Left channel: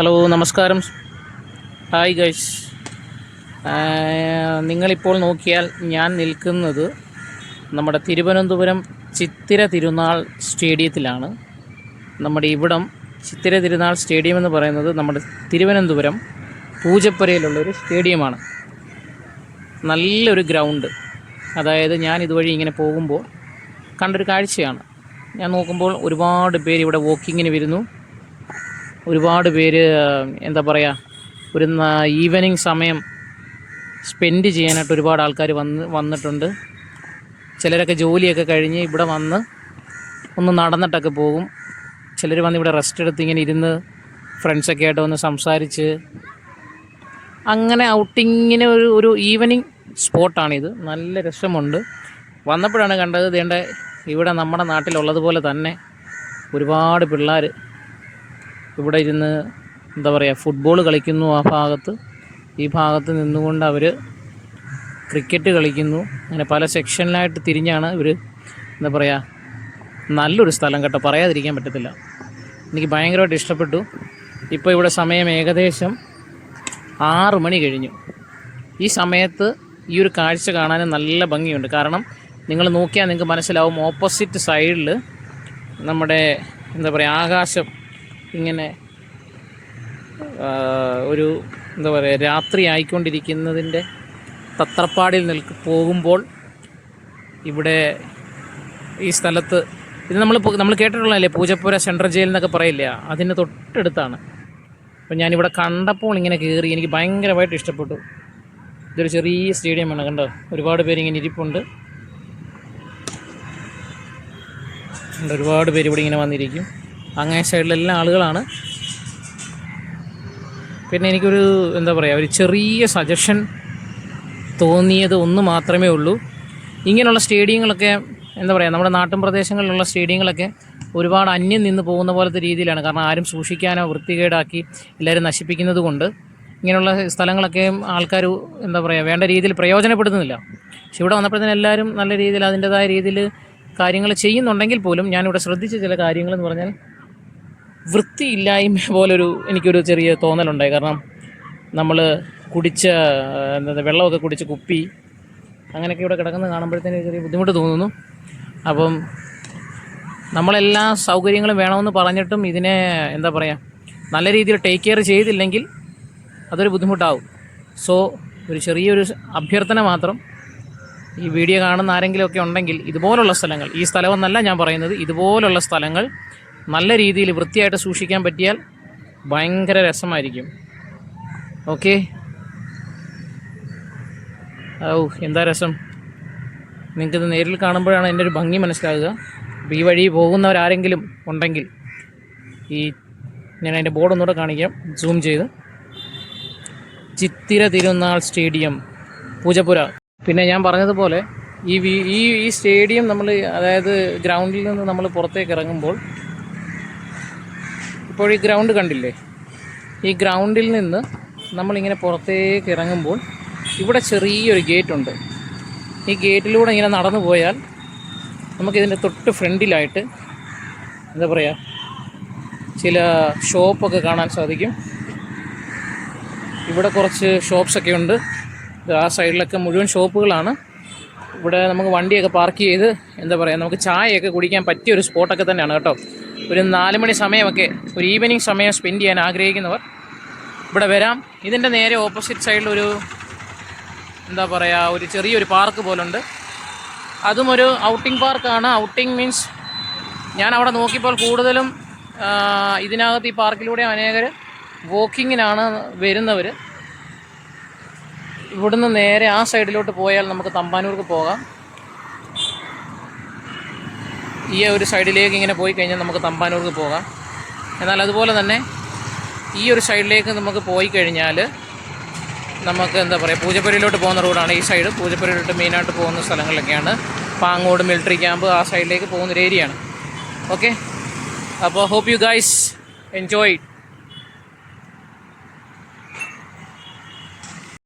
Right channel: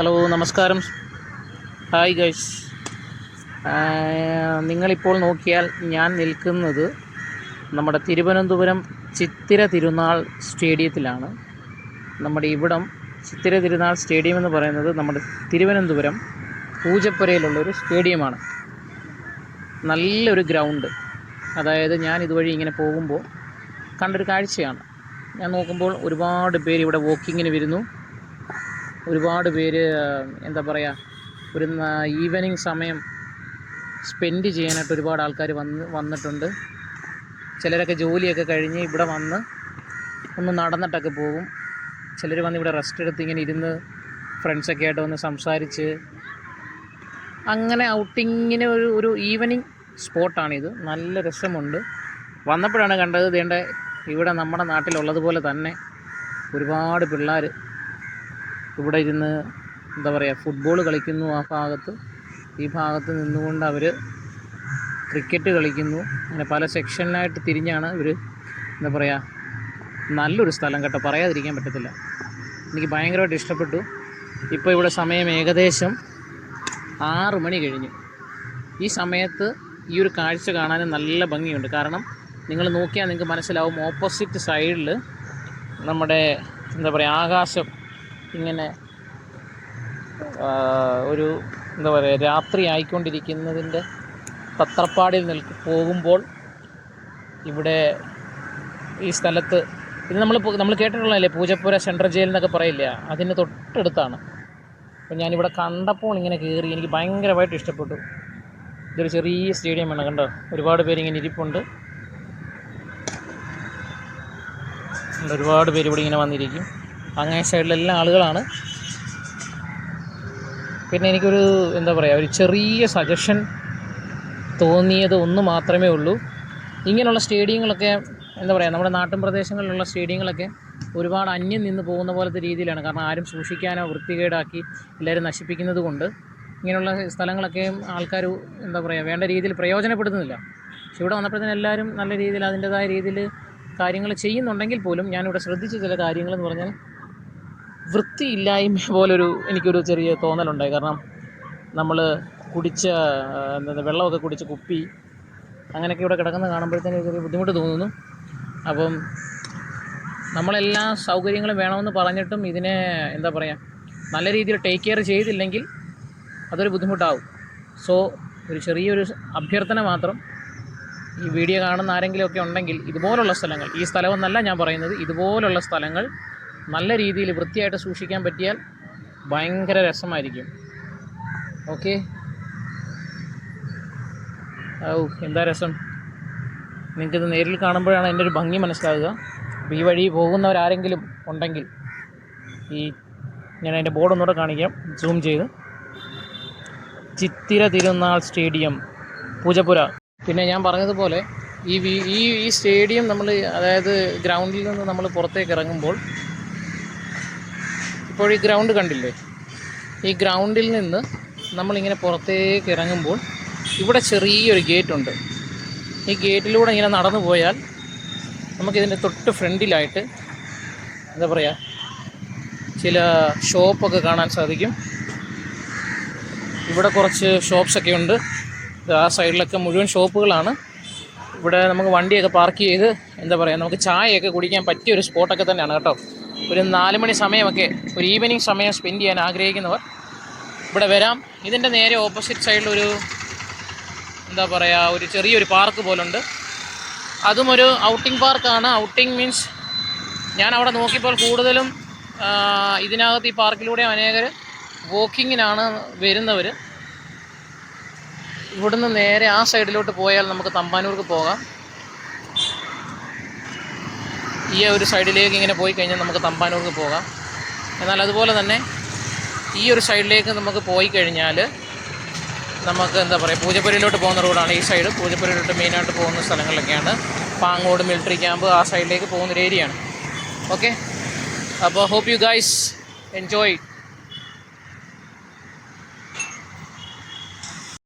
Hello, നമസ്കാരം. Hi guys. നിങ്ങളിപ്പോൾ നോക്കിയാൽ ഞാൻ നിൽക്കുന്നത് നമ്മുടെ തിരുവനന്തപുരം ചിത്തിര തിരുനാൾ സ്റ്റേഡിയത്തിലാണ്. നമ്മുടെ ഇവിടം ചിത്തിര തിരുനാൾ സ്റ്റേഡിയം എന്ന് പറയുന്നത് നമ്മുടെ തിരുവനന്തപുരം പൂജപ്പുരയിലുള്ളൊരു സ്റ്റേഡിയമാണ്. നല്ലൊരു ഗ്രൗണ്ട്. അതായത് ഞാൻ ഇതുവഴി ഇങ്ങനെ പോകുമ്പോൾ കണ്ടൊരു കാഴ്ചയാണ്. ഞാൻ നോക്കുമ്പോൾ ഒരുപാട് പേര് ഇവിടെ വോക്കിങ്ങിന് വരുന്നു. ഒരുപാട് പേര് ഒരു ഈവനിങ് സമയം സ്പെൻഡ് ചെയ്യാനായിട്ട് ഒരുപാട് ആൾക്കാർ വന്നിട്ടുണ്ട്. ചിലരൊക്കെ ജോലിയൊക്കെ കഴിഞ്ഞ് ഇവിടെ വന്ന് ഒന്ന് നടന്നിട്ടൊക്കെ പോകും. ചിലർ വന്ന് ഇവിടെ റെസ്റ്റ് എടുത്ത് ഇങ്ങനെ ഇരുന്ന് ഫ്രണ്ട്സൊക്കെ ആയിട്ട് വന്ന് സംസാരിച്ച് അങ്ങനെ ഔട്ടിങ്ങിന് ഒരു ഈവനിങ് സ്പോട്ടാണിത്. നല്ല രസമുണ്ട്. വന്നപ്പോഴാണ് കണ്ടത് ഇവിടെ നമ്മുടെ നാട്ടിലുള്ളതുപോലെ തന്നെ ഒരുപാട് പിള്ളേർ ഇവിടെ ഇരുന്ന് ഫുട്ബോൾ കളിക്കുന്നു. ഈ ഭാഗത്ത് നിന്നുകൊണ്ട് അവർ ക്രിക്കറ്റ് കളിക്കുന്നു. അങ്ങനെ പല സെക്ഷനിലായിട്ട് തിരിഞ്ഞാണ് ഇവർ നല്ലൊരു സ്ഥലം കേട്ടോ, പറയാതിരിക്കാൻ പറ്റത്തില്ല. എനിക്ക് ഭയങ്കരമായിട്ട് ഇഷ്ടപ്പെട്ടു. ഇപ്പോൾ ഇവിടെ സമയം ഏകദേശം 6 മണി കഴിഞ്ഞു. ഈ സമയത്ത് ഈ ഒരു കാഴ്ച കാണാൻ നല്ല ഭംഗിയുണ്ട്. കാരണം നിങ്ങൾ നോക്കിയാൽ നിങ്ങൾക്ക് മനസ്സിലാവും, ഓപ്പോസിറ്റ് സൈഡിൽ നമ്മുടെ ആകാശം ഇങ്ങനെ ഒരു രാത്രി ആയിക്കൊണ്ടിരിക്കുന്നതിൻ്റെ തത്രപ്പാടിൽ പോകുമ്പോൾ ഇവിടെ ഈ സ്ഥലത്ത് ഇത് നമ്മൾ കേട്ടിട്ടുള്ളതല്ലേ, പൂജപ്പുര സെൻട്രൽ ജയിൽ എന്നൊക്കെ പറയില്ല, അതിന് തൊട്ടടുത്താണ്. അപ്പോൾ ഞാനിവിടെ കണ്ടപ്പോൾ ഇങ്ങനെ കയറി, എനിക്ക് ഭയങ്കരമായിട്ട് ഇഷ്ടപ്പെട്ടു. ഇതൊരു ചെറിയ സ്റ്റേഡിയമാണ്, കണ്ടോ, ഒരുപാട് പേരിങ്ങനെ ഇരിപ്പുണ്ട്. ഒരുപാട് പേര് ഇവിടെ ഇങ്ങനെ വന്നിരിക്കും. അങ്ങേ സൈഡിലെല്ലാം ആളുകളാണ്. പിന്നെ എനിക്കൊരു ഒരു ചെറിയ സജഷൻ തോന്നിയത് ഒന്ന് മാത്രമേ ഉള്ളൂ. ഇങ്ങനെയുള്ള സ്റ്റേഡിയങ്ങളൊക്കെ നമ്മുടെ നാട്ടിൻ പ്രദേശങ്ങളിലുള്ള സ്റ്റേഡിയങ്ങളൊക്കെ ഒരുപാട് അന്യം നിന്ന് പോകുന്ന പോലത്തെ രീതിയിലാണ്. കാരണം ആരും സൂക്ഷിക്കാനോ വൃത്തികേടാക്കി എല്ലാവരും നശിപ്പിക്കുന്നത് കൊണ്ട് ഇങ്ങനെയുള്ള സ്ഥലങ്ങളൊക്കെ ആൾക്കാർ വേണ്ട രീതിയിൽ പ്രയോജനപ്പെടുത്തുന്നില്ല. പക്ഷെ ഇവിടെ വന്നപ്പോഴത്തേനും എല്ലാവരും നല്ല രീതിയിൽ അതിൻ്റേതായ രീതിയിൽ കാര്യങ്ങൾ ചെയ്യുന്നുണ്ടെങ്കിൽ പോലും ഞാനിവിടെ ശ്രദ്ധിച്ച ചില കാര്യങ്ങളെന്ന് പറഞ്ഞാൽ വൃത്തിയില്ലായ്മ എനിക്കൊരു ചെറിയ തോന്നലുണ്ടായി. കാരണം നമ്മൾ കുടിച്ച വെള്ളമൊക്കെ കുടിച്ച് കുപ്പി അങ്ങനെയൊക്കെ ഇവിടെ കിടക്കുന്നത് കാണുമ്പോഴത്തേനും ചെറിയ ബുദ്ധിമുട്ട് തോന്നുന്നു. അപ്പം നമ്മളെല്ലാ സൗകര്യങ്ങളും വേണമെന്ന് പറഞ്ഞിട്ടും ഇതിനെ നല്ല രീതിയിൽ ടേക്ക് കെയർ ചെയ്തില്ലെങ്കിൽ അതൊരു ബുദ്ധിമുട്ടാവും. സോ ഒരു ചെറിയൊരു അഭ്യർത്ഥന മാത്രം, ഈ വീഡിയോ കാണുന്ന ആരെങ്കിലുമൊക്കെ ഉണ്ടെങ്കിൽ ഇതുപോലുള്ള സ്ഥലങ്ങൾ, ഈ സ്ഥലമെന്നല്ല ഞാൻ പറയുന്നത്, ഇതുപോലുള്ള സ്ഥലങ്ങൾ നല്ല രീതിയിൽ വൃത്തിയായിട്ട് സൂക്ഷിക്കാൻ പറ്റിയാൽ ഭയങ്കര രസമായിരിക്കും. ഓക്കെ, എന്താ രസം! നിങ്ങൾക്കിത് നേരിൽ കാണുമ്പോഴാണ് എൻ്റെ ഒരു ഭംഗി മനസ്സിലാകുക. അപ്പോൾ ഈ വഴി പോകുന്നവരാരെങ്കിലും ഉണ്ടെങ്കിൽ ഞാൻ അതിൻ്റെ ബോർഡ് ഒന്നുകൂടെ കാണിക്കാം, സൂം ചെയ്ത്. ചിത്തിര തിരുനാൾ സ്റ്റേഡിയം, പൂജപ്പുര. പിന്നെ ഞാൻ പറഞ്ഞതുപോലെ ഈ സ്റ്റേഡിയം അതായത് ഗ്രൗണ്ടിൽ നിന്ന് നമ്മൾ പുറത്തേക്ക് ഇറങ്ങുമ്പോൾ, ഇപ്പോൾ ഈ ഗ്രൗണ്ട് കണ്ടില്ലേ, ഈ ഗ്രൗണ്ടിൽ നിന്ന് നമ്മളിങ്ങനെ പുറത്തേക്ക് ഇറങ്ങുമ്പോൾ ഇവിടെ ചെറിയൊരു ഗേറ്റുണ്ട്. ഈ ഗേറ്റിലൂടെ ഇങ്ങനെ നടന്നു പോയാൽ നമുക്കിതിൻ്റെ തൊട്ട് ഫ്രണ്ടിലായിട്ട് ചില ഷോപ്പൊക്കെ കാണാൻ സാധിക്കും. ഇവിടെ കുറച്ച് ഷോപ്സൊക്കെ ഉണ്ട്. ആ സൈഡിലൊക്കെ മുഴുവൻ ഷോപ്പുകളാണ്. ഇവിടെ നമുക്ക് വണ്ടിയൊക്കെ പാർക്ക് ചെയ്ത് നമുക്ക് ചായയൊക്കെ കുടിക്കാൻ പറ്റിയ ഒരു സ്പോട്ടൊക്കെ തന്നെയാണ് കേട്ടോ. ഒരു 4 മണി സമയമൊക്കെ, ഒരു ഈവനിങ് സമയം സ്പെൻഡ് ചെയ്യാൻ ആഗ്രഹിക്കുന്നവർ ഇവിടെ വരാം. ഇതിൻ്റെ നേരെ ഓപ്പോസിറ്റ് സൈഡിലൊരു ഒരു ചെറിയൊരു പാർക്ക് പോലുണ്ട്. അതും ഒരു ഔട്ടിംഗ് പാർക്കാണ്. ഔട്ടിംഗ് മീൻസ് ഞാൻ അവിടെ നോക്കിയപ്പോൾ കൂടുതലും ഇതിനകത്ത് ഈ പാർക്കിലൂടെ അനേകർ വോക്കിങ്ങിനാണ് വരുന്നവർ. ഇവിടുന്ന് നേരെ ആ സൈഡിലോട്ട് പോയാൽ നമുക്ക് തമ്പാനൂർക്ക് പോകാം. ഈ ഒരു സൈഡിലേക്ക് ഇങ്ങനെ പോയി കഴിഞ്ഞാൽ നമുക്ക് തമ്പാനൂർക്ക് പോകാം. എന്നാൽ അതുപോലെ തന്നെ ഈ ഒരു സൈഡിലേക്ക് നമുക്ക് പോയി കഴിഞ്ഞാൽ നമുക്ക് പൂജപ്പുരയിലോട്ട് പോകുന്ന റോഡാണ് ഈ സൈഡ്. പൂജപ്പുരയിലോട്ട് മെയിനായിട്ട് പോകുന്ന സ്ഥലങ്ങളിലൊക്കെയാണ്. പാങ്ങോട് മിലിറ്ററി ക്യാമ്പ് ആ സൈഡിലേക്ക് പോകുന്നൊരു ഏരിയയാണ്. ഓക്കെ, അപ്പോൾ ഹോപ്പ് യു ഗൈസ് എൻജോയ്.